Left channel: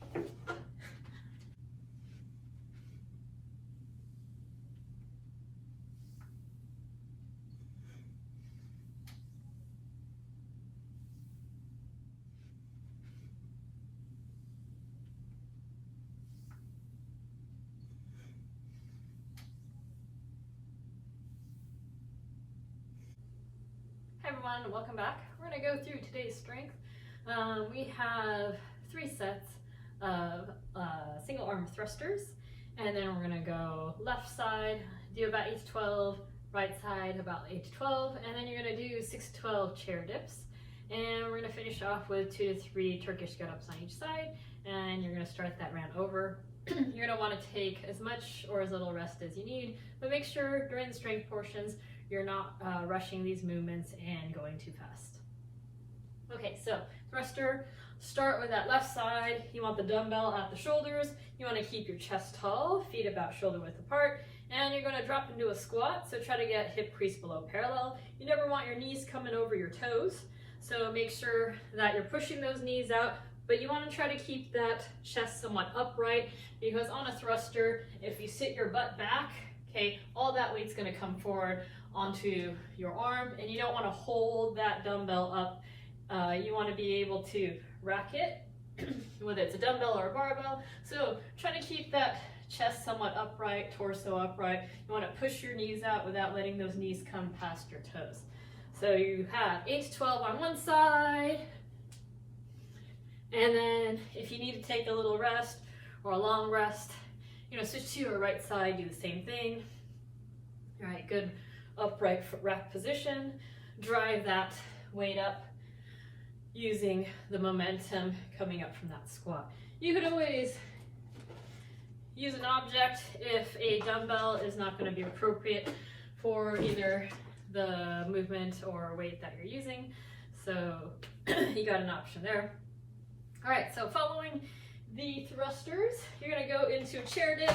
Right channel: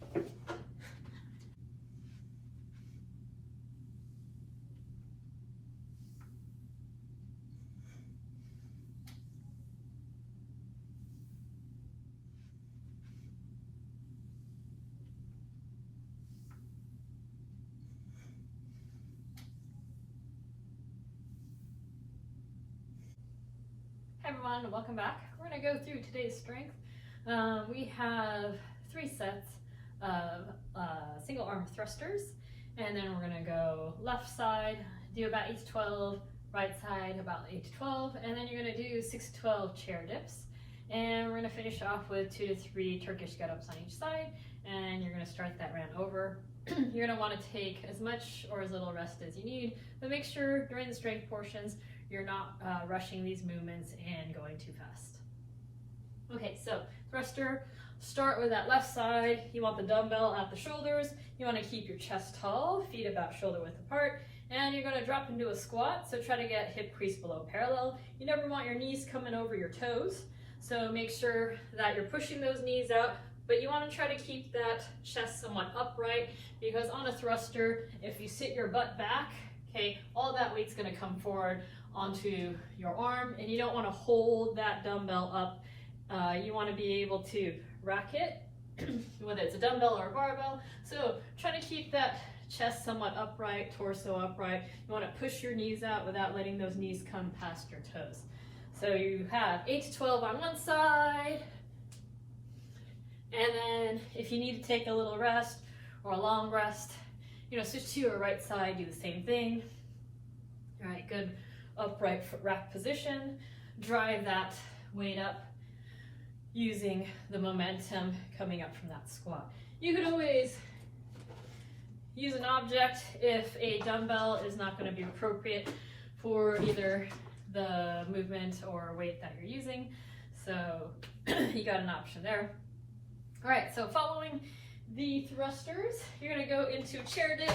Hi everyone, and welcome back. We're going to go through today's strength. We have 3 sets of single arm thrusters, and then we're going to go left side, do about 8 to 12, right side about 8 to 12, and then you're going to do 6 to 12 chair dips. And we're going to finish off with 2 to 3 Turkish get-ups on each side, and you're going to start that round over. You're going to want to take as much or as little rest as you need, but make sure during the strength portions you're not rushing these movements and going too fast. Okay, so thruster, start with that left side. You want the dumbbell at the shoulders. You want to keep your chest tall, feet about shoulder width apart, and you're going to drop into a squat, so try to get hip crease below parallel. You never want your knees coming over your toes, so make sure that you're pushing those knees out, but you want to try to keep that chest somewhat upright, because on a thruster, if you sit your butt back, okay, all that weight's going to come forward onto your arm, and you don't want to hold that dumbbell up. You want to be able to rack it, whether it's a dumbbell or a barbell. So try to keep that chest somewhat upright, torso upright. You want to push your knees out without letting those knees come past your toes. So you have 8 to 12 on one side, and then if you need to take a little rest or a long rest, switch to your right side, do the same thing. All right, good upright rack position. Drive that weight up using the momentum coming up from that squat. You can always use an object if a dumbbell is not going to be appropriate for either the movement or weight that you're using. So you got an option there. All right, so following the thrusters, you're going to go into a chair dip.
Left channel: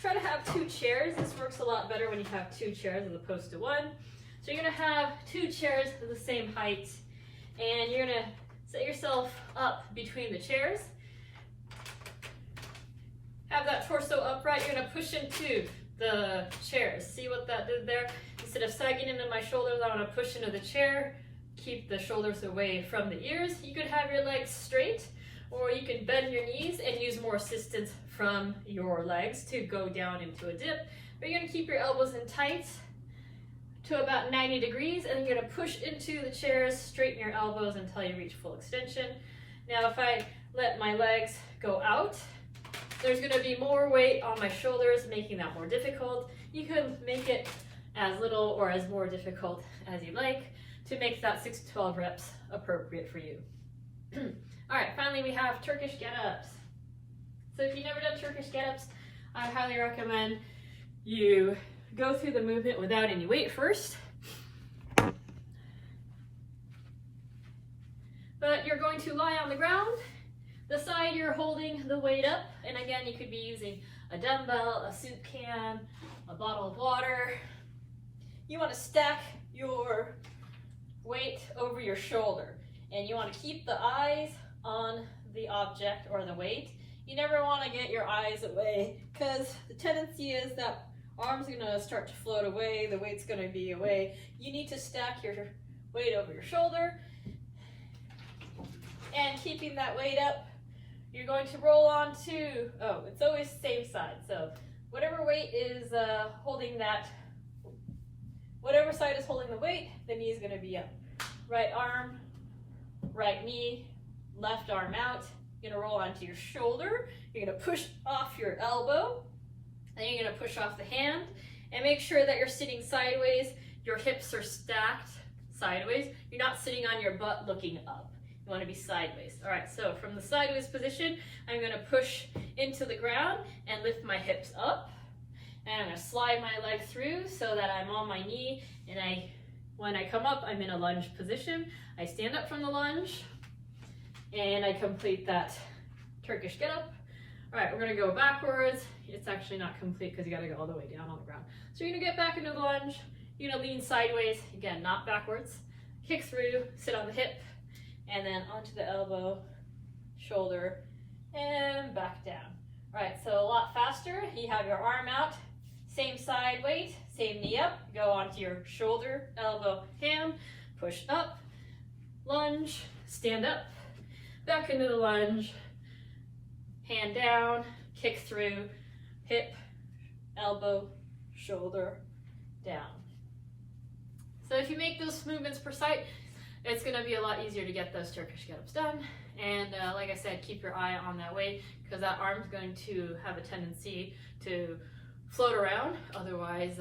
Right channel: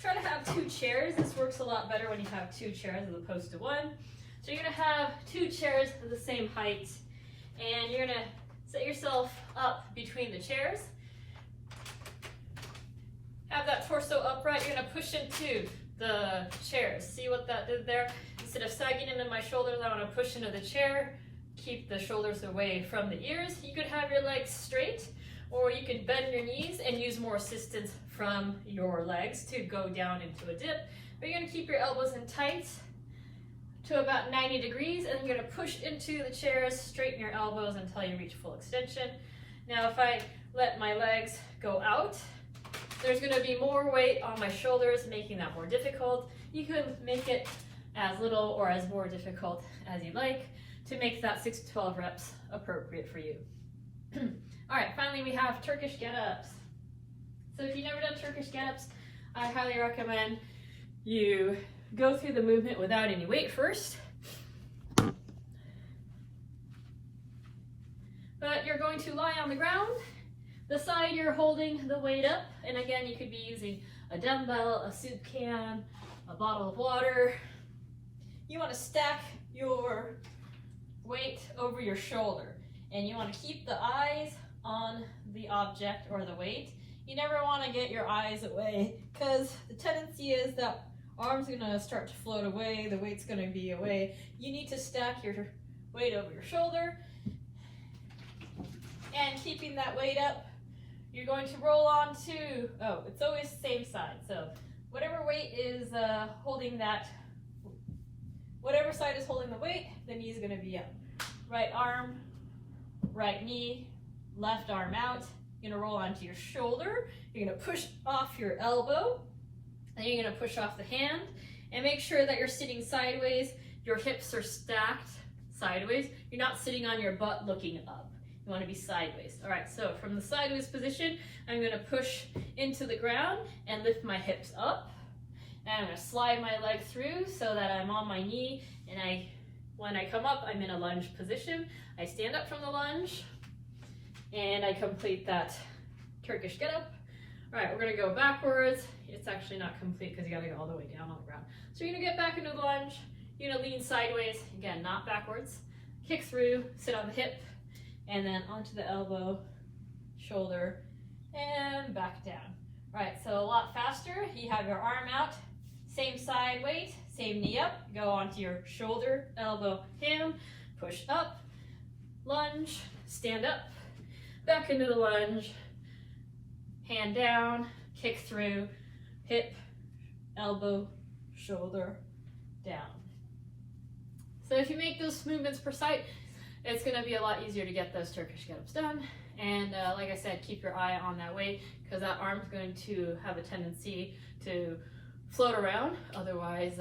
Try to have 2 chairs. This works a lot better when you have 2 chairs as opposed to 1. So you're going to have 2 chairs of the same height, and you're going to set yourself up between the chairs. Have that torso upright. You're going to push into the chairs. See what that did there? Instead of sagging into my shoulders, I want to push into the chair. Keep the shoulders away from the ears. You could have your legs straight, or you could bend your knees and use more assistance from your legs to go down into a dip. But you're going to keep your elbows in tight to about 90 degrees, and then you're going to push into the chairs, straighten your elbows until you reach full extension. Now if I let my legs go out, there's going to be more weight on my shoulders, making that more difficult. You can make it as little or as more difficult as you like to make that 6 to 12 reps appropriate for you. All right, finally we have Turkish get-ups. So if you've never done Turkish get-ups, I highly recommend you go through the movement without any weight first. But you're going to lie on the ground. The side you're holding the weight up, and again, you could be using a dumbbell, a soup can, a bottle of water. You want to stack your weight over your shoulder, and you want to keep the eyes on the object or the weight. You never want to get your eyes away, because the tendency is that arms are going to start to float away, the weight's going to be away. You need to stack your weight over your shoulder, and keeping that weight up, you're going to roll on to, it's always the same side, so whatever weight is holding that, whatever side is holding the weight, the knee is going to be up. Right arm, right knee, left arm out. You're going to roll onto your shoulder. You're going to push off your elbow. Then you're going to push off the hand. And make sure that you're sitting sideways. Your hips are stacked sideways. You're not sitting on your butt looking up. You want to be sideways. All right, so from the sideways position, I'm going to push into the ground and lift my hips up. And I'm going to slide my leg through so that I'm on my knee, and when I come up, I'm in a lunge position. I stand up from the lunge, and I complete that Turkish get up. All right, we're gonna go backwards. It's actually not complete because you gotta go all the way down on the ground. So you're gonna get back into the lunge. You're gonna lean sideways, again, not backwards. Kick through, sit on the hip, and then onto the elbow, shoulder. and back down. All right, so a lot faster. You have your arm out, same side weight, same knee up. Go onto your shoulder, elbow, hand, push up, lunge, stand up, back into the lunge, hand down, kick through, hip, elbow, shoulder, down. So if you make those movements per site, it's going to be a lot easier to get those Turkish get-ups done. And like I said, keep your eye on that weight, because that arm's going to have a tendency to float around. Otherwise,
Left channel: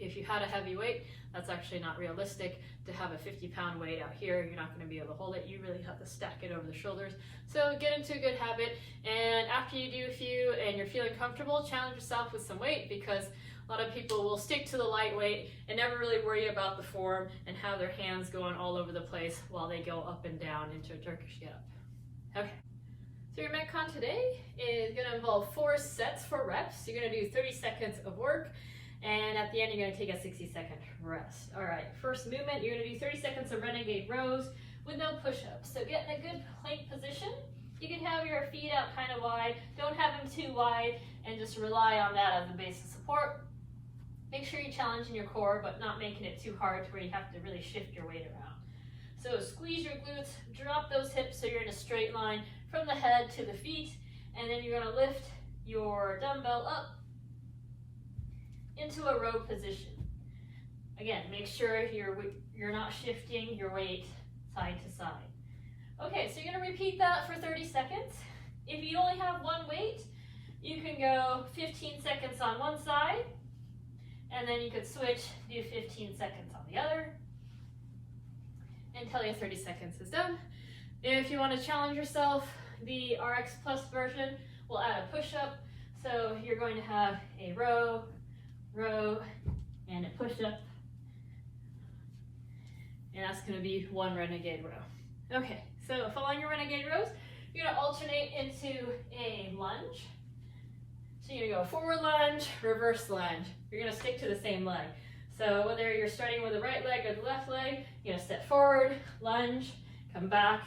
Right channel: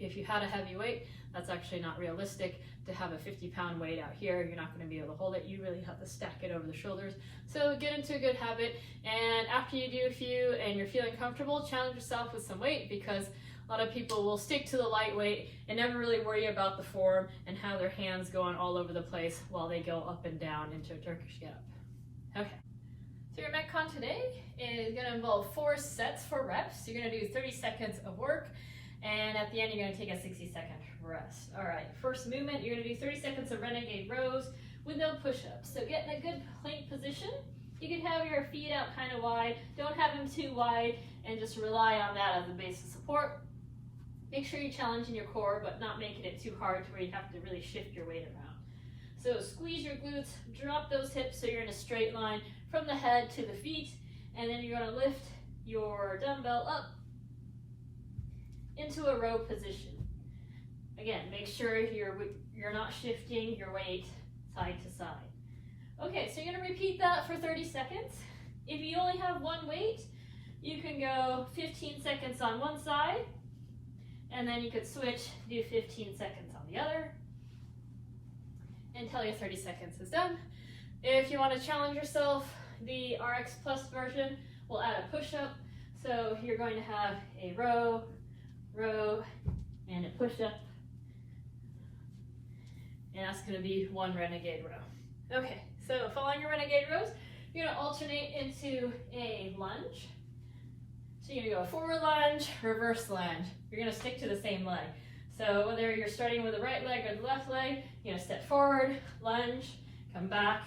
if you had a heavy weight, that's actually not realistic to have a 50-pound weight out here. You're not going to be able to hold it. You really have to stack it over the shoulders. So get into a good habit, and after you do a few and you're feeling comfortable, challenge yourself with some weight, because a lot of people will stick to the light weight and never really worry about the form and have their hands going all over the place while they go up and down into a Turkish get-up. Okay, so your Metcon today is going to involve 4 sets for reps. You're going to do 30 seconds of work, and at the end you're going to take a 60-second rest. All right, first movement, you're going to do 30 seconds of renegade rows with no push-ups. So get in a good plank position. You can have your feet out kind of wide. Don't have them too wide, and just rely on that as a base of support. Make sure you're challenging your core, but not making it too hard to where you have to really shift your weight around. So squeeze your glutes, drop those hips so you're in a straight line from the head to the feet, and then you're going to lift your dumbbell up into a row position. Again, make sure you're not shifting your weight side to side. Okay, so you're going to repeat that for 30 seconds. If you only have one weight, you can go 15 seconds on one side, and then you could switch, do 15 seconds on the other, until your 30 seconds is done. If you want to challenge yourself, the RX Plus version will add a push-up. So you're going to have a row, and a push-up. And that's going to be 1 renegade row. Okay, so following your renegade rows, you're going to alternate into a lunge. So you're going to go forward lunge, reverse lunge. You're going to stick to the same leg. So whether you're starting with the right leg or the left leg, you're going to step forward, lunge, come back,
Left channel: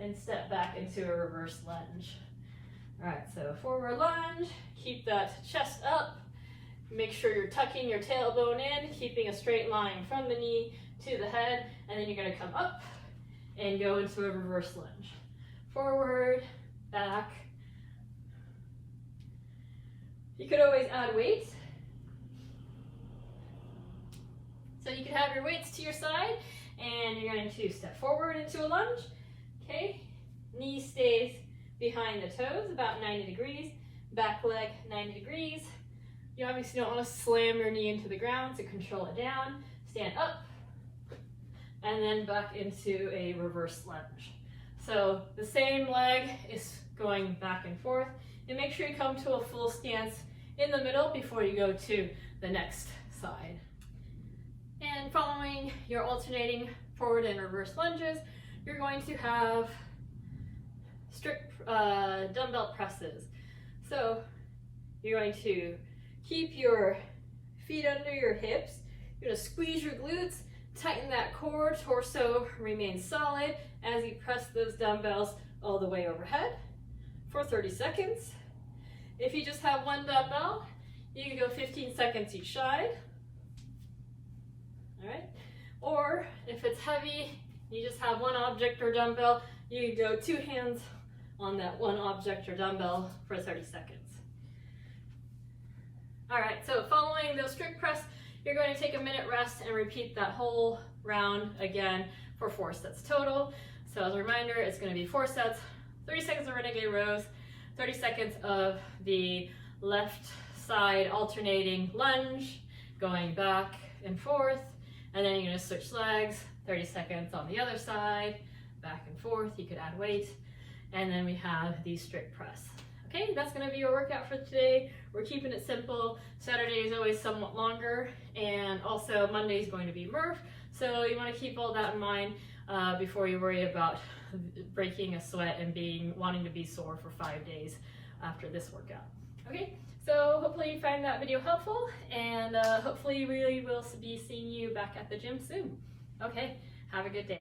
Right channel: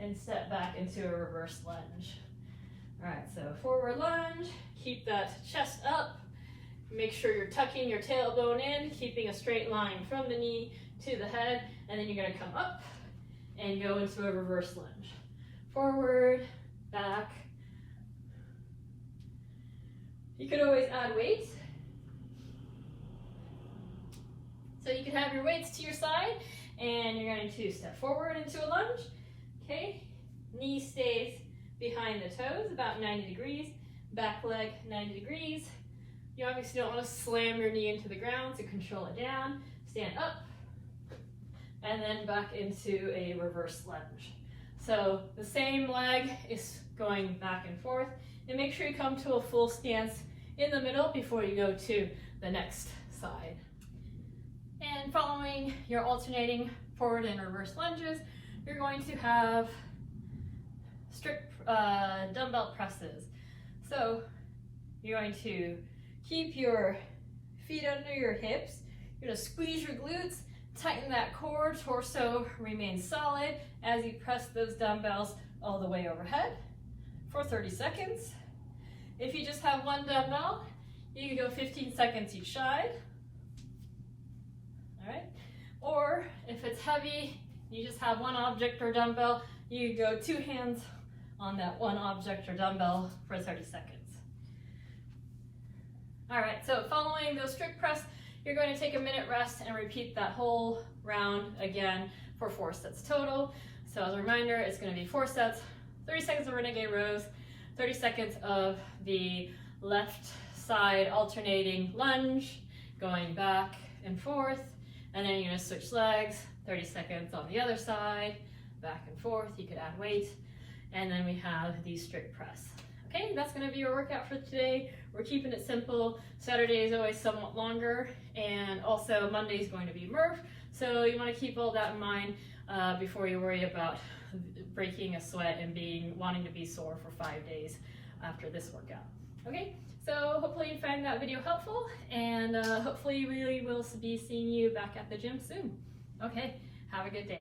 and step back into a reverse lunge. All right, so forward lunge, keep that chest up. Make sure you're tucking your tailbone in, keeping a straight line from the knee to the head, and then you're going to come up and go into a reverse lunge. Forward, back. You could always add weights. So you can have your weights to your side, and you're going to step forward into a lunge. Okay, knee stays behind the toes, about 90 degrees. Back leg, 90 degrees. You obviously don't want to slam your knee into the ground, so control it down. Stand up, and then back into a reverse lunge. So the same leg is going back and forth, and make sure you come to a full stance in the middle before you go to the next side. And following your alternating forward and reverse lunges, you're going to have strict dumbbell presses. So you're going to keep your feet under your hips. You're going to squeeze your glutes, tighten that core, torso remains solid as you press those dumbbells all the way overhead for 30 seconds. If you just have one dumbbell, you can go 15 seconds each side. All right. Or if it's heavy, you just have one object or dumbbell, you can go 2 hands on that one object or dumbbell for 30 seconds. All right, so following those strict press, you're going to take a minute rest and repeat that whole round again for 4 sets total. So as a reminder, it's going to be 4 sets, 30 seconds of renegade rows, 30 seconds of the left side alternating lunge, going back and forth, and then you're going to switch legs, 30 seconds on the other side, back and forth. You could add weight, and then we have the strict press. Okay, that's going to be your workout for today. We're keeping it simple. Saturday is always somewhat longer, and also Monday is going to be Murph, so you want to keep all that in mind before you worry about breaking a sweat and wanting to be sore for 5 days after this workout. Okay, so hopefully you find that video helpful, and hopefully we will be seeing you back at the gym soon. Okay, have a good day.